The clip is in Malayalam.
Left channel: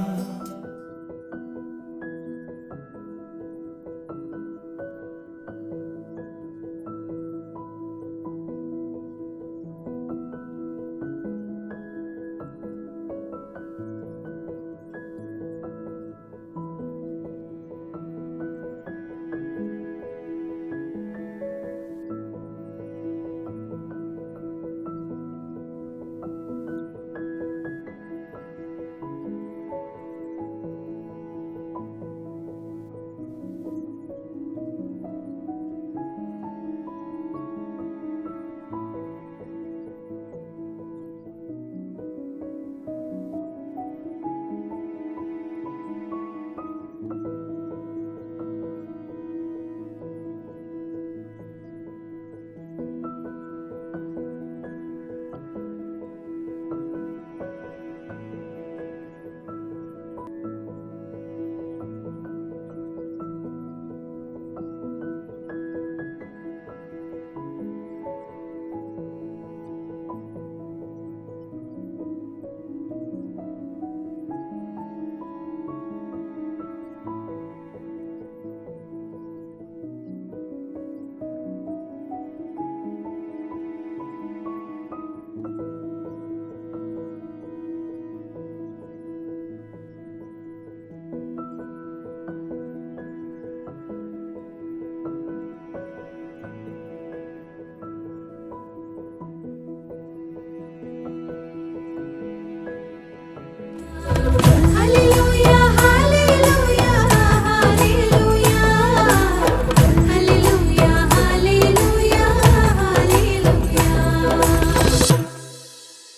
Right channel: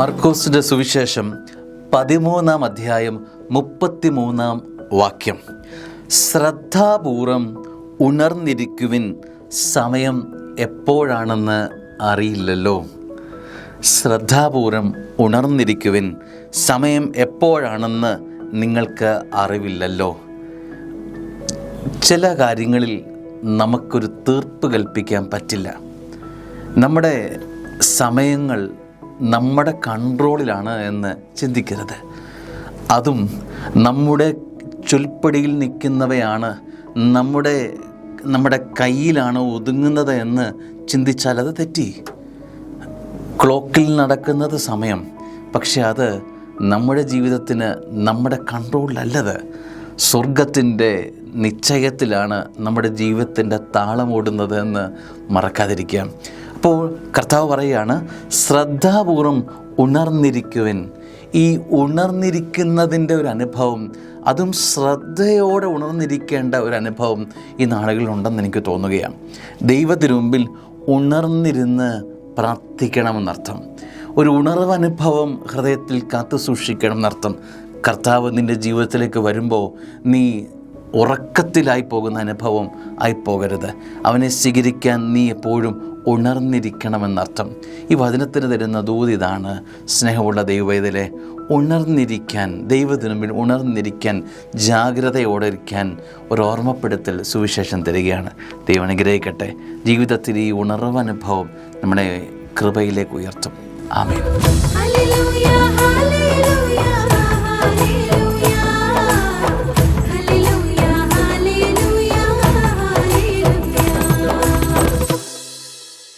മർക്കോസിന്റെ സുവിശേഷം 13-ാം അധ്യായം 33-ാം വാക്യം. ശ്രദ്ധാപൂർവം ഉണർന്നിരിക്കുവിൻ, സമയം എപ്പോഴാണെന്ന് അറിയില്ലല്ലോ. ശ്രദ്ധാപൂർവം ഉണർന്നിരിക്കുവിൻ, സമയം എപ്പോഴാണെന്ന് നിങ്ങൾക്ക് അറിവില്ലല്ലോ. ചില കാര്യങ്ങളിൽ നമുക്കൊരു തീർപ്പ് കൽപ്പിക്കാൻ പറ്റില്ല. നമ്മുടെ സമയങ്ങൾ നമ്മുടെ കൺട്രോളിലാണ് എന്ന് ചിന്തിക്കരുത്. അതും നമ്മുടെ ചൊൽപ്പടിയിൽ നിൽക്കുന്നവയാണ്, നമ്മുടെ കയ്യിലാണ് ഒതുങ്ങുന്നത് എന്ന് ചിന്തിച്ചാൽ അത് തെറ്റി. ക്ലോക്കിൽ നടക്കുന്നത് സമയം, പക്ഷെ അത് നമ്മുടെ ജീവിതത്തിന് നമ്മുടെ കൺട്രോളിലല്ലത്. സ്വർഗത്തിൻ്റെ നിശ്ചയത്തിലാണ് നമ്മുടെ ജീവിതത്തിൻ്റെ താളമോടുന്നത് എന്ന് മറക്കാതിരിക്കുക. അപ്പോൾ കർത്താവ് പറയുകയാണ്, ശ്രദ്ധാപൂർവം ഉണർന്നിരിക്കുവിൻ. ഈ ഉണർന്നിരിക്കുന്നതിൻ്റെ ഒരു അനുഭവം, അതും ശ്രദ്ധയോടെ ഉണർന്നിരിക്കേണ്ട ഒരു അനുഭവം ഈ നാളുകളിലുണ്ടെന്ന് എനിക്ക് തോന്നുകയാണ്. ദൈവത്തിനു മുമ്പിൽ ഉണർന്നിരുന്ന് പ്രാർത്ഥിക്കണമെന്നർത്ഥം. ഒരു ഉണർവ് അനുഭവം ഹൃദയത്തിൽ കാത്തു സൂക്ഷിക്കണം എന്നർത്ഥം. കർത്താവ് നിൻ്റെ ജീവിതത്തിലേക്ക് വരുമ്പോൾ നീ ഉറക്കത്തിലായി പോകുന്ന അനുഭവം ആയിപ്പോകരുത്. അവനെ സ്വീകരിക്കാൻ നീ എപ്പോഴും ഉണർന്നിരിക്കണമെന്നർത്ഥം. ഈ വചനത്തിന് തരുന്ന ദൂത് ഇതാണ്: സ്നേഹമുള്ള ദൈവവേദലേ, ഉണർന്നിരിക്കാൻ, ദൈവത്തിനു മുമ്പിൽ ഉണർന്നിരിക്കാൻ, ജാഗ്രതയോടെ ഇരിക്കാൻ ഒരു ഓർമ്മപ്പെടുത്തൽ സുവിശേഷം തരികയാണ്. ദൈവം അനുഗ്രഹിക്കട്ടെ. ജീവിതത്തിൽ ഈ ഉണർവ് അനുഭവം നമ്മുടെ കൃപയിലേക്ക് ഉയർത്തും. ആമേൻ.